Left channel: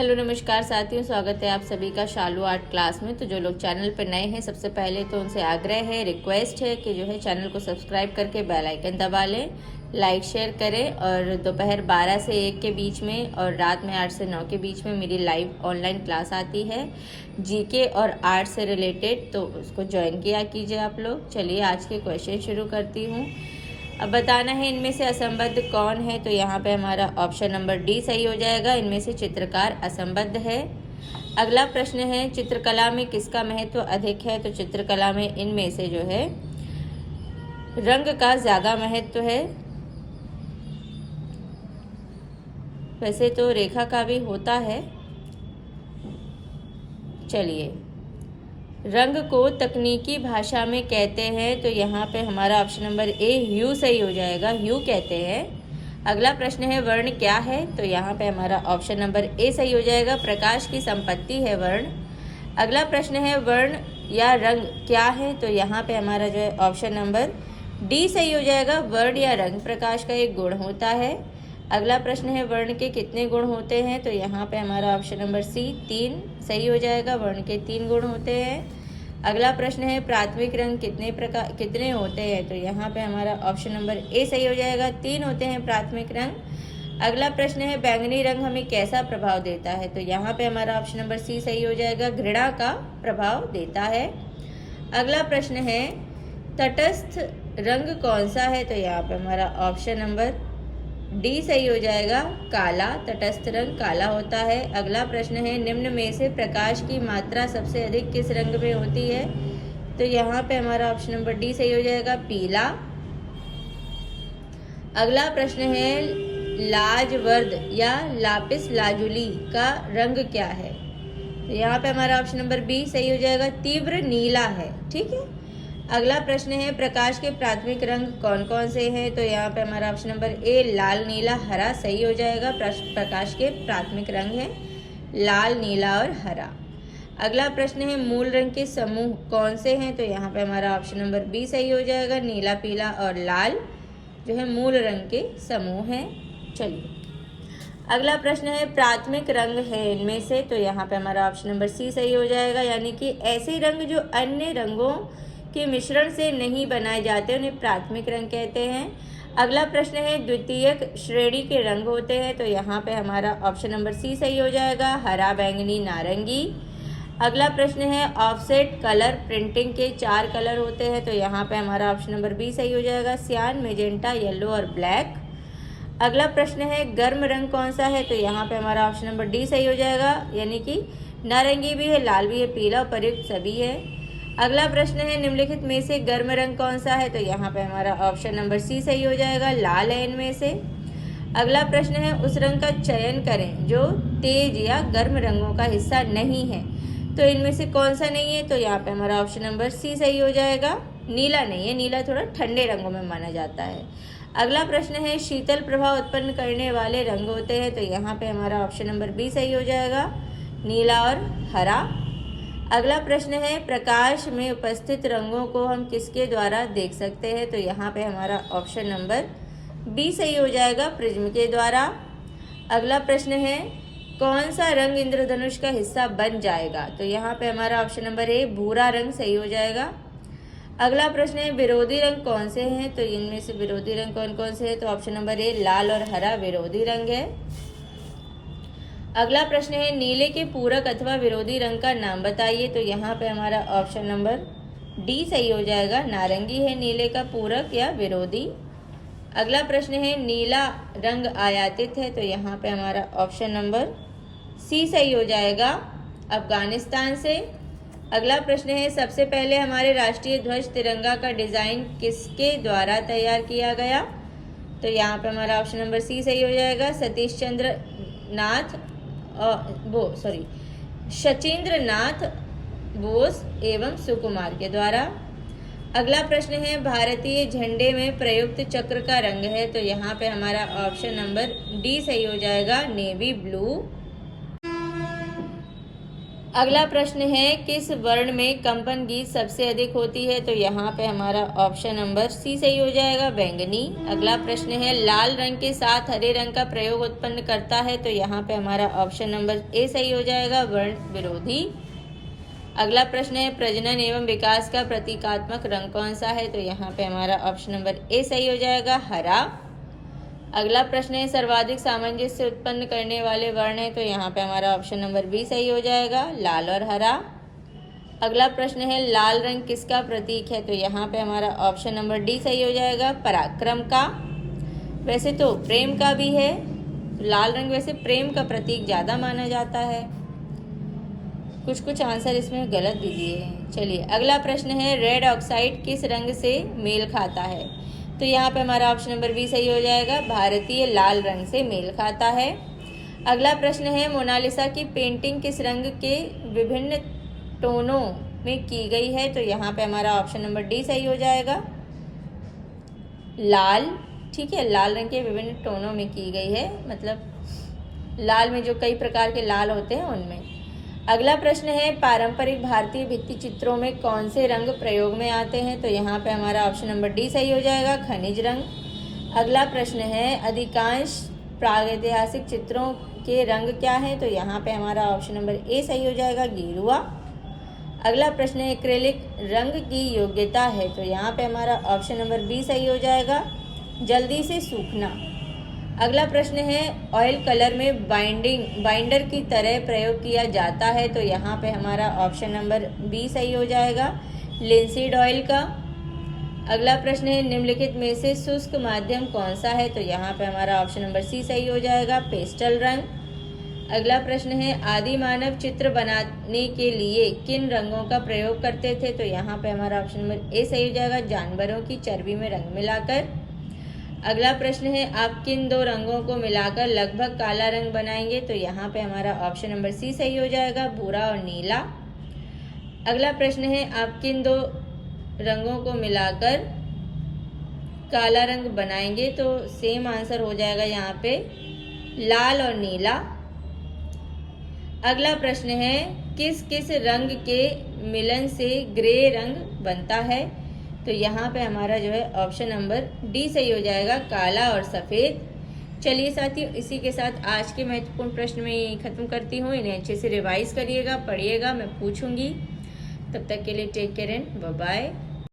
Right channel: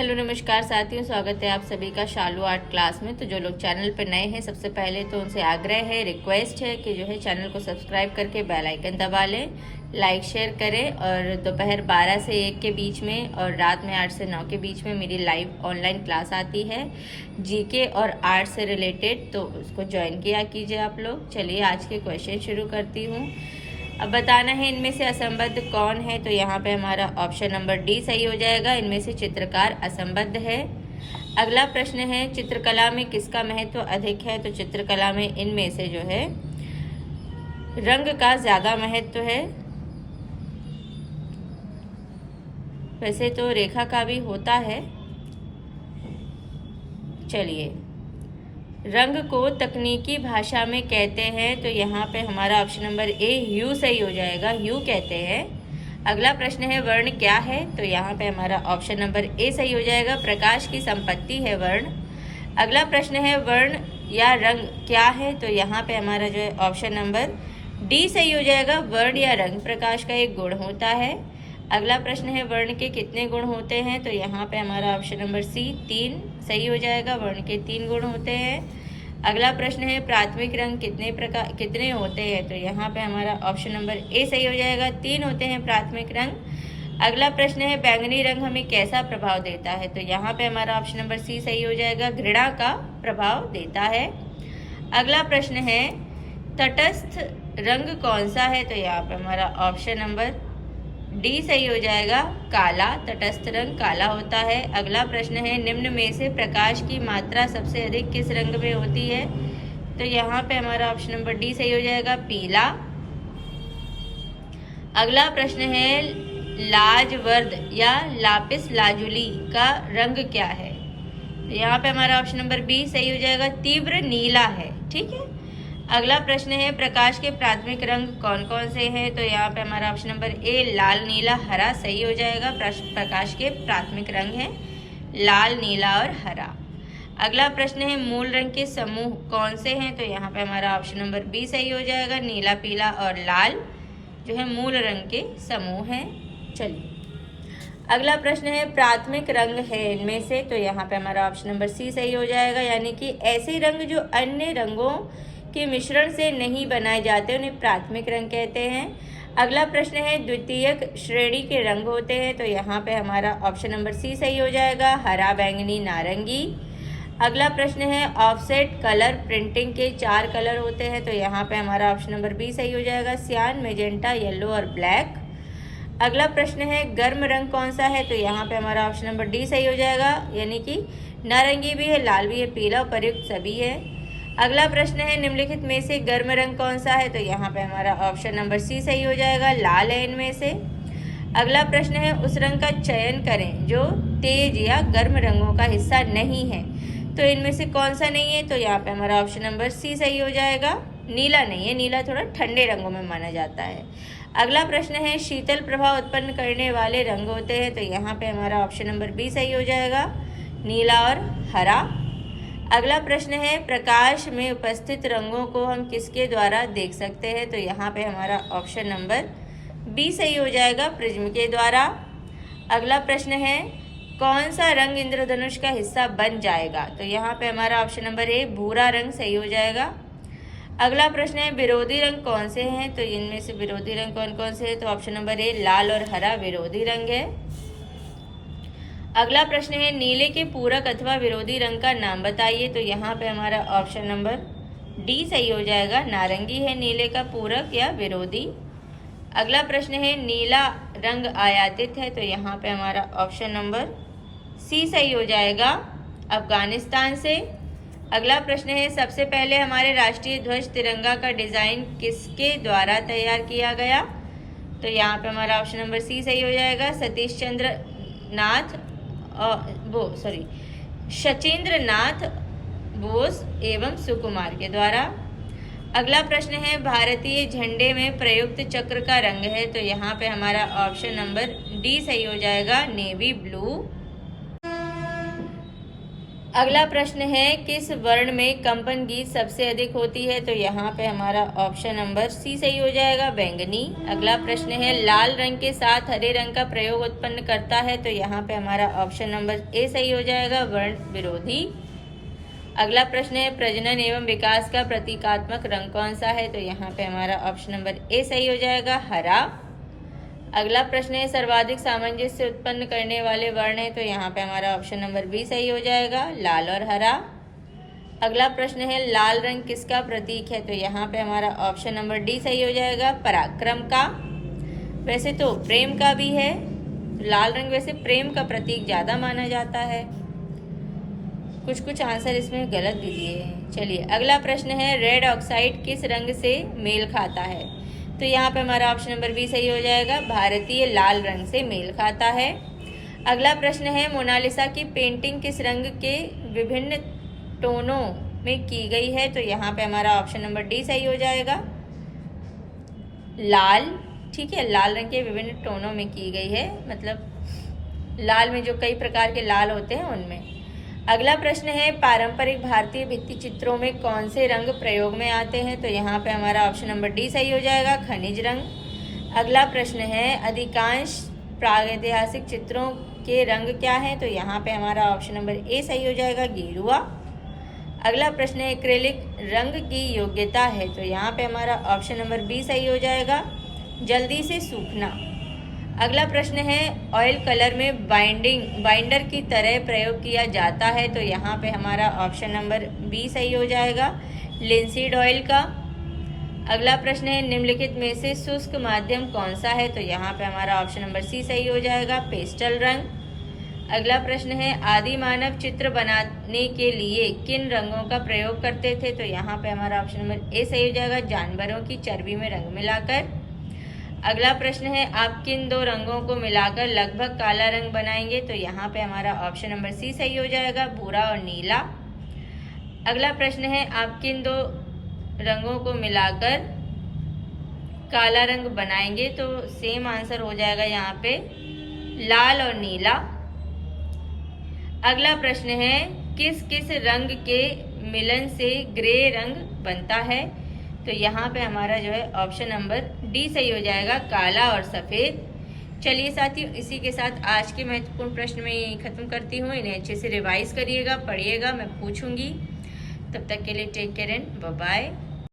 Hello नमस्कार साथियों, स्वागत है आप सभी का शालू आर्ट क्लास में। तो जो लोग चैनल पर नए हैं, सबसे पहले तो उनसे आग्रह है, रिक्वेस्ट है कि जो है चैनल को सब्सक्राइब करके बेल आइकन दबा लें, लाइक शेयर करें। और दोपहर 12 से 1 के बीच में और रात में 8 से 9 के बीच में मेरी लाइव ऑनलाइन क्लास आती है जीके और आर्ट से रिलेटेड, तो उसको ज्वाइन किया कीजिए आप लोग। चलिए आज के क्वेश्चन शुरू करती हूँ। अब बताना है इनमें से असंबद्ध कौन है, तो यहाँ पे हमारा ऑप्शन नंबर डी सही हो जाएगा। इनमें से चित्रकार असंबद्ध है। अगला प्रश्न है, चित्रकला में किसका महत्व अधिक है, तो चित्रकला में इनमें से जो है रंग का ज्यादा महत्व है। वैसे तो रेखा का भी होता है। चलिए, रंग को तकनीकी भाषा में कहते हैं, तो यहाँ पे हमारा ऑप्शन नंबर ए ह्यू सही हो जाएगा, ह्यू कहते हैं। अगला प्रश्न है, वर्ण क्या है, तो यहाँ पे हमारा ऑप्शन नंबर ए सही हो जाएगा, प्रकाश की संपत्ति है वर्ण। अगला प्रश्न है, वर्ण या रंग क्या है, तो यहाँ पे हमारा जो है ऑप्शन नंबर डी सही हो जाएगा, वर्ण या रंग प्रकाश का एक गुण होता है। अगला प्रश्न है, वर्ण के कितने गुण होते हैं, तो यहाँ पे हमारा ऑप्शन नंबर सी 3 सही हो जाएगा, वर्ण के 3 गुण होते हैं। अगला प्रश्न है, प्राथमिक रंग कितने होते हैं, तो यहाँ पे हमारा ऑप्शन नंबर ए सही हो जाएगा, 3 होते हैं प्राथमिक रंग। अगला प्रश्न है, बैंगनी रंग हमें कैसा प्रभाव देता है, तो यहाँ पे हमारा ऑप्शन नंबर सी सही हो जाएगा, घृणा का प्रभाव देता है। अगला प्रश्न है, तटस्थ रंग कौन सा है, तो यहाँ पे हमारा ऑप्शन नंबर डी सही हो जाएगा, काला। तटस्थ रंग काला होता है। अगला प्रश्न है, निम्न में से प्रकाश की मात्रा सबसे अधिक किस रंग में होती है, तो यहाँ पे हमारा ऑप्शन नंबर डी सही हो जाएगा, पीला। अगला प्रश्न है, लाजवर्द या लापिस लाजुली का रंग क्या है, तो यहाँ पे हमारा ऑप्शन नंबर बी सही हो जाएगा, तीव्र नीला है। ठीक है। अगला प्रश्न है, प्रकाश के प्राथमिक रंग कौन कौन से हैं, तो यहाँ पे हमारा ऑप्शन नंबर ए लाल नीला हरा सही हो जाएगा। प्रकाश के प्राथमिक रंग हैं लाल नीला और हरा। अगला प्रश्न है, मूल रंग के समूह कौन से हैं, तो यहाँ पे हमारा ऑप्शन नंबर बी सही हो जाएगा, नीला पीला और लाल जो है मूल रंग के समूह हैं। चलिए, अगला प्रश्न है, प्राथमिक रंग है इनमें से, तो यहाँ पे हमारा ऑप्शन नंबर सी सही हो जाएगा, यानी कि ऐसे रंग जो अन्य रंगों के मिश्रण से नहीं बनाए जाते उन्हें प्राथमिक रंग कहते हैं। अगला प्रश्न है, द्वितीयक श्रेणी के रंग होते हैं, तो यहाँ पे हमारा ऑप्शन नंबर सी सही हो जाएगा, हरा बैंगनी नारंगी। अगला प्रश्न है, ऑफसेट कलर प्रिंटिंग के 4 कलर होते हैं, तो यहाँ पे हमारा ऑप्शन नंबर बी सही हो जाएगा, सियान मेजेंटा येलो और ब्लैक। अगला प्रश्न है, गर्म रंग कौन सा है, तो यहाँ पे हमारा ऑप्शन नंबर डी सही हो जाएगा, यानी कि नारंगी भी है, लाल भी है, पीला प्रयुक्त सभी है। अगला प्रश्न है, निम्नलिखित में से गर्म रंग कौन सा है, तो यहाँ पे हमारा ऑप्शन नंबर सी सही हो जाएगा, लाल है इनमें से। अगला प्रश्न है, उस रंग का चयन करें जो तेज या गर्म रंगों का हिस्सा नहीं है, तो इनमें से कौन सा नहीं है, तो यहाँ पे हमारा ऑप्शन नंबर सी सही हो जाएगा, नीला नहीं है, नीला थोड़ा ठंडे रंगों में माना जाता है। अगला प्रश्न है, शीतल प्रभाव उत्पन्न करने वाले रंग होते हैं, तो यहाँ पे हमारा ऑप्शन नंबर बी सही हो जाएगा, नीला और हरा। अगला प्रश्न है, प्रकाश में उपस्थित रंगों को हम किसके द्वारा देख सकते हैं, तो यहाँ पे हमारा ऑप्शन नंबर बी सही हो जाएगा, प्रिज्म के द्वारा। अगला प्रश्न है, कौन सा रंग इंद्रधनुष का हिस्सा बन जाएगा, तो यहाँ पे हमारा ऑप्शन नंबर ए भूरा रंग सही हो जाएगा। अगला प्रश्न है, विरोधी रंग कौन से हैं, तो इनमें से विरोधी रंग कौन कौन से हैं, तो ऑप्शन नंबर ए लाल और हरा विरोधी रंग है। अगला प्रश्न है, नीले के पूरक अथवा विरोधी रंग का नाम बताइए, तो यहाँ पे हमारा ऑप्शन नंबर डी सही हो जाएगा, नारंगी है नीले का पूरक या विरोधी। अगला प्रश्न है, नीला रंग आयातित है, तो यहाँ पे हमारा ऑप्शन नंबर सी सही हो जाएगा, अफगानिस्तान से। अगला प्रश्न है, सबसे पहले हमारे राष्ट्रीय ध्वज तिरंगा का डिजाइन किसके द्वारा तैयार किया गया, तो यहाँ पे हमारा ऑप्शन नंबर सी सही हो जाएगा, शचीन्द्र नाथ बोस एवं सुकुमार के द्वारा। अगला प्रश्न है, भारतीय झंडे में प्रयुक्त चक्र का रंग है, तो यहाँ पे हमारा ऑप्शन नंबर डी सही हो जाएगा, नेवी ब्लू। अगला प्रश्न है किस वर्ण में कंपन गीत सबसे अधिक होती है? तो यहाँ पे हमारा ऑप्शन नंबर सी सही हो जाएगा, बैंगनी। अगला प्रश्न है लाल रंग के साथ हरे रंग का प्रयोग उत्पन्न करता है? तो यहाँ पे हमारा ऑप्शन नंबर ए सही हो जाएगा, वर्ण विरोधी। अगला प्रश्न है प्रजनन एवं विकास का प्रतीकात्मक रंग कौन सा है? तो यहाँ पे हमारा ऑप्शन नंबर ए सही हो जाएगा, हरा। अगला प्रश्न है सर्वाधिक सामंजस्य उत्पन्न करने वाले वर्ण है? तो यहाँ पे हमारा ऑप्शन नंबर बी सही हो जाएगा, लाल और हरा। अगला प्रश्न है लाल रंग किसका प्रतीक है? तो यहाँ पे हमारा ऑप्शन नंबर डी सही हो जाएगा, पराक्रम का। वैसे तो प्रेम का भी है, लाल रंग वैसे प्रेम का प्रतीक ज्यादा माना जाता है। कुछ कुछ आंसर इसमें गलत भी दिए हैं। चलिए अगला प्रश्न है रेड ऑक्साइड किस रंग से मेल खाता है? तो यहाँ पे हमारा ऑप्शन नंबर बी सही हो जाएगा, भारतीय लाल रंग से मेल खाता है। अगला प्रश्न है मोनालिसा की पेंटिंग किस रंग के विभिन्न टोनों में की गई है? तो यहाँ पे हमारा ऑप्शन नंबर डी सही हो जाएगा, लाल। ठीक है, लाल रंग के विभिन्न टोनों में की गई है, मतलब लाल में जो कई प्रकार के लाल होते हैं उनमें। अगला प्रश्न है पारंपरिक भारतीय भित्ति चित्रों में कौन से रंग प्रयोग में आते हैं? तो यहाँ पे हमारा ऑप्शन नंबर डी सही हो जाएगा, खनिज रंग। अगला प्रश्न है अधिकांश प्रागैतिहासिक चित्रों के रंग क्या है? तो यहाँ पे हमारा ऑप्शन नंबर ए सही हो जाएगा, गेरुआ। अगला प्रश्न है एक्रेलिक रंग की योग्यता है? तो यहाँ पे हमारा ऑप्शन नंबर बी सही हो जाएगा, जल्दी से सूखना। अगला प्रश्न है ऑयल कलर में बाइंडर की तरह प्रयोग किया जाता है? तो यहाँ पे हमारा ऑप्शन नंबर बी सही हो जाएगा, लिंसीड ऑयल का। अगला प्रश्न है निम्नलिखित में से शुष्क माध्यम कौन सा है? तो यहाँ पे हमारा ऑप्शन नंबर सी सही हो जाएगा, पेस्टल रंग। अगला प्रश्न है आदि मानव चित्र बनाने के लिए किन रंगों का प्रयोग करते थे? तो यहाँ पे हमारा ऑप्शन नंबर ए सही हो जाएगा, जानवरों की चर्बी में रंग मिलाकर। अगला प्रश्न है आप किन दो रंगों को मिलाकर लगभग काला रंग बनाएंगे? तो यहाँ पे हमारा ऑप्शन नंबर सी सही हो जाएगा, भूरा और नीला। अगला प्रश्न है आप किन दो रंगों को मिलाकर काला रंग बनाएंगे? तो सेम आंसर हो जाएगा यहाँ पे, लाल और नीला। अगला प्रश्न है किस किस रंग के मिलन से ग्रे रंग बनता है? तो यहाँ पे हमारा जो है ऑप्शन नंबर डी सही हो जाएगा, काला और सफ़ेद। चलिए साथियों, इसी के साथ आज के महत्वपूर्ण प्रश्न में यही खत्म करती हूँ। इन्हें अच्छे से रिवाइज करिएगा, पढ़िएगा, मैं पूछूंगी। तब तक के लिए take care and bye bye.